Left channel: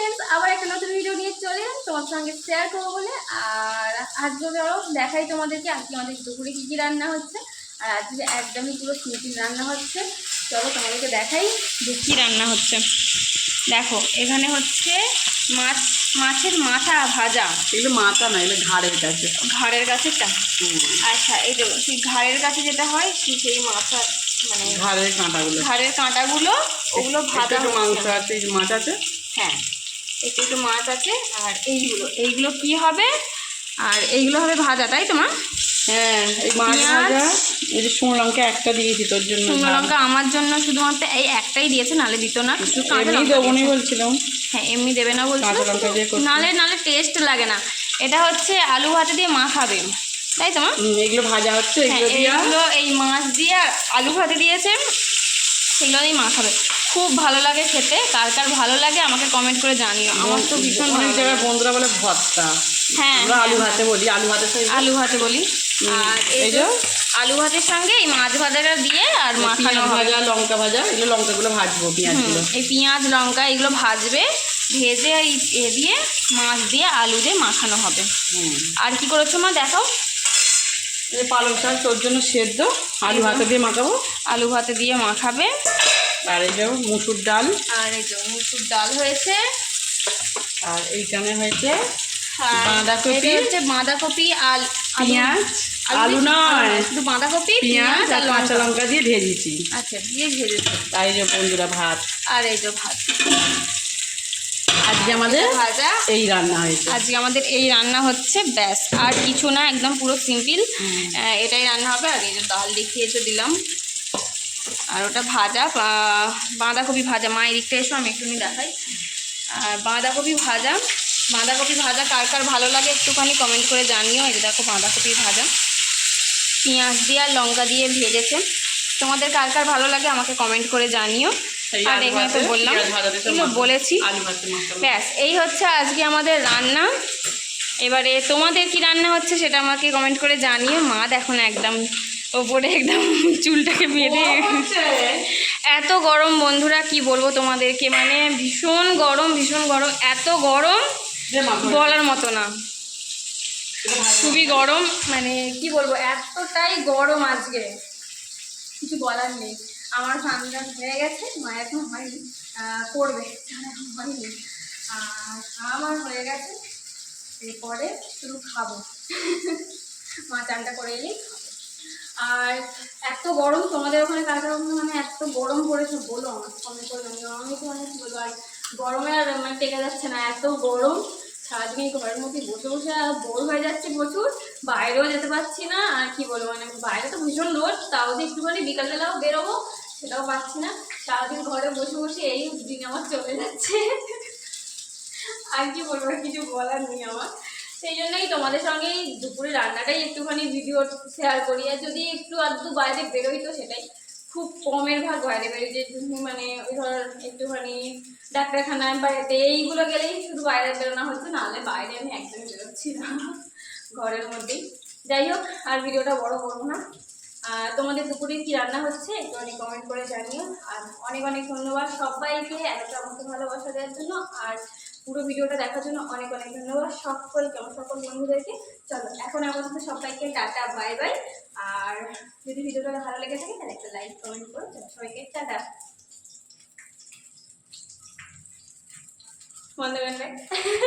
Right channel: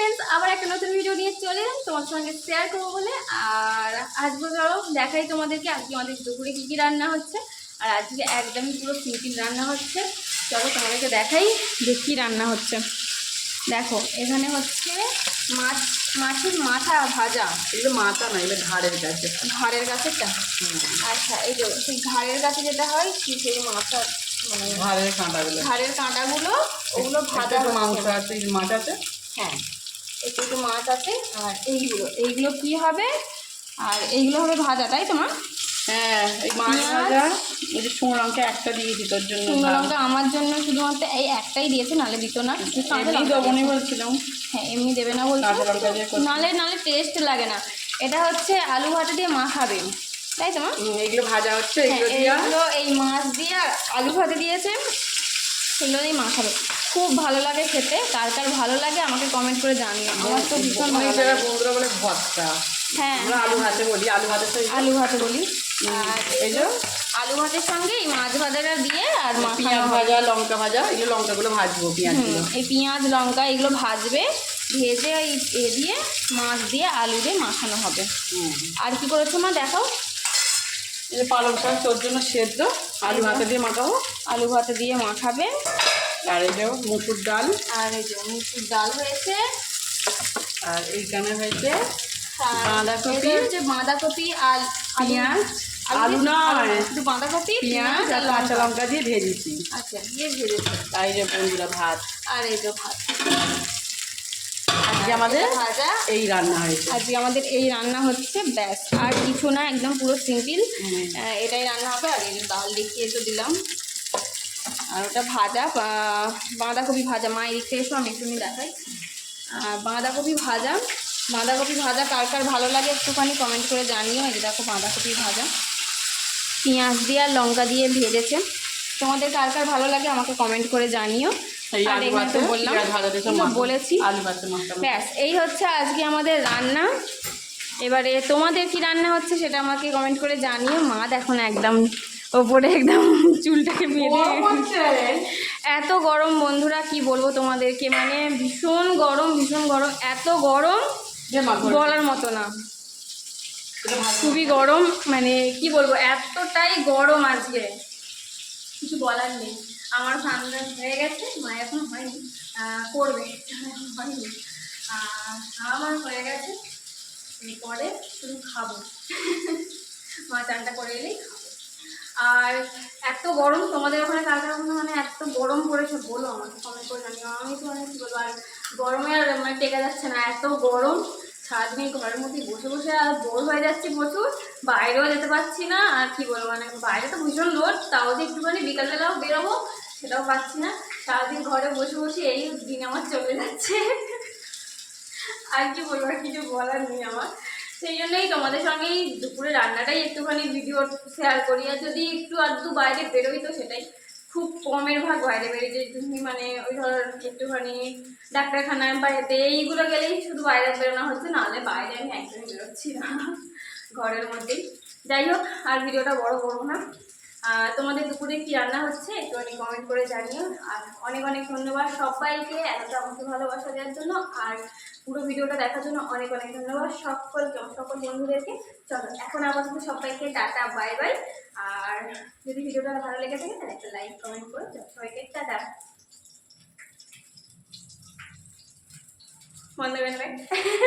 Friends, আবার একটা নতুন ভিডিও নিয়ে চলে এলাম তোমার সঙ্গে শেয়ার করবো বলে। আর আজকে চলো দেখাই তোমাদেরকে আজকে আমাদের দুপুরে কী কী রান্না হচ্ছে। আর আজকে একদমই পুরো সিম্পল রান্না হচ্ছে। চলো তোমাদেরকে দেখাই যে কী রান্না হচ্ছে। দেখো এখানে হচ্ছে মাছের মাথা ভাজা। এগুলো মাথা না, এগুলো ঘাড়ের কাছে। ঘাড়ের কাছেটা? আচ্ছা, এই যে সেই ঘাড়ের কাছে যেটা হয় সেই মাথা, মানে ঘাড়ের কাঁটাগুলো ওগুলো ভাজা হচ্ছে। মাছ আছে, হ্যাঁ একটু মাছ আছে। আর এইগুলো কি হবে? আর এইগুলো হবে ভাজা, তাই তো মা? হ্যাঁ, এই পেঁয়াজ, এই যে শুকনো লঙ্কা একটা দিয়েছি তোর জন্য। শুকনো লঙ্কা আমার জন্য শুধুমাত্র এই একটাই দিয়েছে, নালে দিত না। শুধু কাঁচা লঙ্কা বলছিলাম। হ্যাঁ এমনি দেবে না বলছিল, নালে টেস্ট লাগে না। এটা হচ্ছে আলু ভাতে দিয়ে মাখাবে, তাই তো মা? এগুলো ভাজা হচ্ছে। হ্যাঁ এইগুলো এই মাছ দিয়ে আলু ভাতে দিয়েছে, সেগুলো দিয়ে মাখাবে। খুব ভালো লাগে খেতে। কার কার ভালো লাগে আমাকে কমেন্ট করে জানিও। আমার তো ভীষণ ভালো লাগে। বন্ধুরা বলে ভর্তা। হ্যাঁ আলু ভাতে বলি, আলু ভাতে বলি। আর এই যে আলু ভাতের সঙ্গে এই মাছ ভাজাটা দিয়ে আর মাখানো ভাজা, লঙ্কা ভাজা। এগুলো লঙ্কাগুলো ভাজবো, পেঁয়াজগুলো। এই পেঁয়াজ লঙ্কা এগুলো ভাজবে, ভেজে এই দিয়ে মাছ দিয়ে আলু দিয়ে মাখানো হবে। আর কি করেছো মা দেখাও? এই পালং শাক তোর জন্য সেদ্ধ, আলু ভাতে দিয়ে মাখাবো। আলু ভাতে দিয়ে মাখাবে। আর এই যে মুসুর ডাল। আর এই যে মুসুর ডাল হয়েছে। আর এইখানে হয়েছে বাঁধাকপি আর পেঁয়াজ। আলু নয়, শুধু বাঁধাকপি পেঁয়াজ আর কাঁচা লঙ্কা দিয়ে ভেজেছি। আচ্ছা, দিয়ে ভেজেছি। তাই যে বন্ধুরা ভাত। আর এই যে ভাত। আজকে আমাদের ভাজা এই রান্না হয়েছে। আজকে আমাদের এই রান্না হচ্ছে, ব্যাস আর কিছু না, একদম পুরো সিম্পল এটাই রান্না হবে। আর এই যে ডাল দেখিয়ে তো দিলাম। আর ওটা ভাজা, বাঁধাকপি ভাজা। মা এদিকটা এসো, আমি একটুখানি দেখাই। আর বাঁধাকপি ভাজা কার কার ভালো লাগে একটুখানি কমেন্ট করে জানিও। এই যে দেখো বাঁধাকপি ভাজা পেঁয়াজ দিয়ে আর লঙ্কা দিয়ে ভেজেছে। তোমাদের কার কার ভালো লাগে আমাকে কমেন্ট করে জানিও। আর এখানে তো বললাম, এগুলো বলেছি। ব্যাস এই হচ্ছে আজকে আমাদের রান্না। এবারে তোমাদের কি রান্না হচ্ছে সেটা আমাকে কমেন্ট করে জানিও। মা দেখো না একদম ওপরে একদম চুলটাকে বেঁধে। এত গরম বন্ধুরা, কি বলবো তোমাদেরকে, মানে ভীষণ গরম। এত গরম বলার মতো না, খুবই গরম। মানে কি বলবো, এতটাই গরম আজকে কিছু বলার নেই। আমার স্নান হয়ে গেছে, মা এখন হয়নি, করবে, এখন হয়নি। আর আমার হয়ে গেছে, এরপরে শুধু খাবো। মা চানটা করে এলেই খাবো। আর এত গরম, তোমাদের ওখানে কার মানে এত গরম পড়েছে বলো আমাকে কমেন্ট করে জানিও। আমি তো মানে কী বলবো, আর গরমে আর মানে টেকা যাচ্ছে না, এত গরম। সারাদিন ঘরের মধ্যে বসে বসে আর বোর হয়ে যাচ্ছি প্রচুর, বাইরেও যেতে পারছি না। আর কি বলবো, মানে বাইরে তো ভীষণ রোদ, তাও যে একটুখানি বিকালবেলাও বেরোবো সেটাও পাচ্ছি না। সারাদিন ঘরে বসে বসে এই দিন আমার চলে যাচ্ছে। আর কি বলবো, আর কিছু বলার নেই আমার। সেই জন্যই তোমাদের সঙ্গেই দুপুরে রান্নাটাই একটুখানি ভিডিও শেয়ার করি। আর যদি একটু আধটু বাইরে বেরোই তো সেটাই খুব কমের ভাগ বাইরে বেরোই, যে মানে ওই ধর একটুখানি ডাক্তারখানায় বাইরেতে এইগুলো গেলেই শুধু বাইরে বেরোনো হচ্ছে, নাহলে বাইরে আমি একদমই বেরোচ্ছি না, ঘরের মধ্যেই। যাই হোক, আর ভিডিওটা বড় করবো না। তোমাদের দুপুরে কি রান্না হচ্ছে একটুখানি কমেন্ট করে জানিও। আর অনেক অনেক ধন্যবাদ সবাইকে এতটা আমাকে ভালোবাসা দেওয়ার জন্য, আর পুরো ভিডিওটা দেখার জন্য অনেক অনেক ধন্যবাদ সকলকে, আমার সকল বন্ধুদেরকে। চলো এখন আপাতত সবাইকে টাটা, বাই বাই। আর যদি ভিডিওটা ভালো লেগে থাকে তাহলে একটা লাইক কমেন্ট করো। সবাইকে টাটা, বন্ধ করে।